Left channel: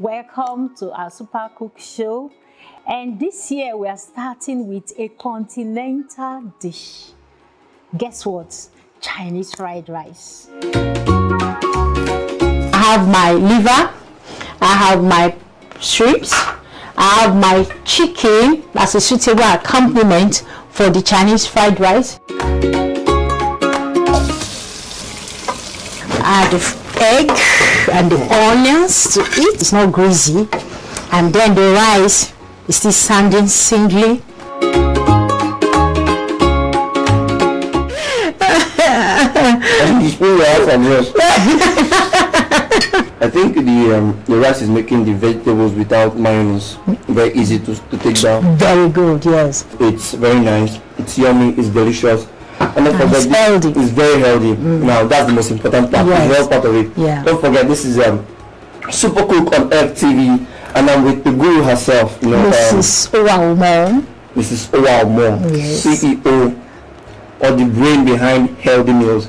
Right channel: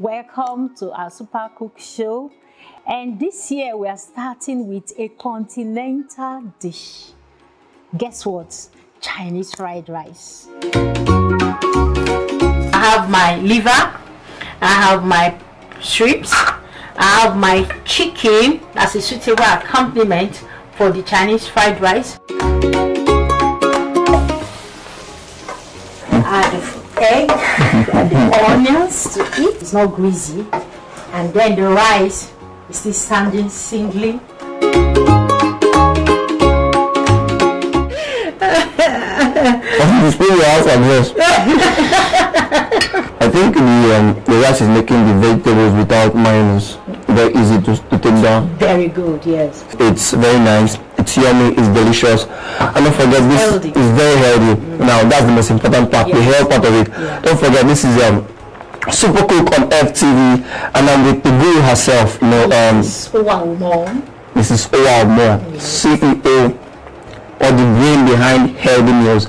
Welcome to our Supercook show. And this year we are starting with a continental dish. Guess what? Chinese fried rice. I have my liver, I have my shrimps, I have my chicken. That's a suitable accompaniment for the Chinese fried rice. I have the egg and the onions to eat. It's not greasy. And then the rice is still sounding singly. I think the rice is making the vegetables without mayonnaise very easy to take down. Very good, yes. It's very nice, it's yummy, it's delicious. And don't forget, it's healthy. It's very healthy. Now that's the most important part, yes. The health part of it. Yeah. Don't forget, this is Supercook on FTV, and I'm with the guru herself, Mrs. Owalmo. Mrs. Owalmo, CEO, or the brain behind healthy meals.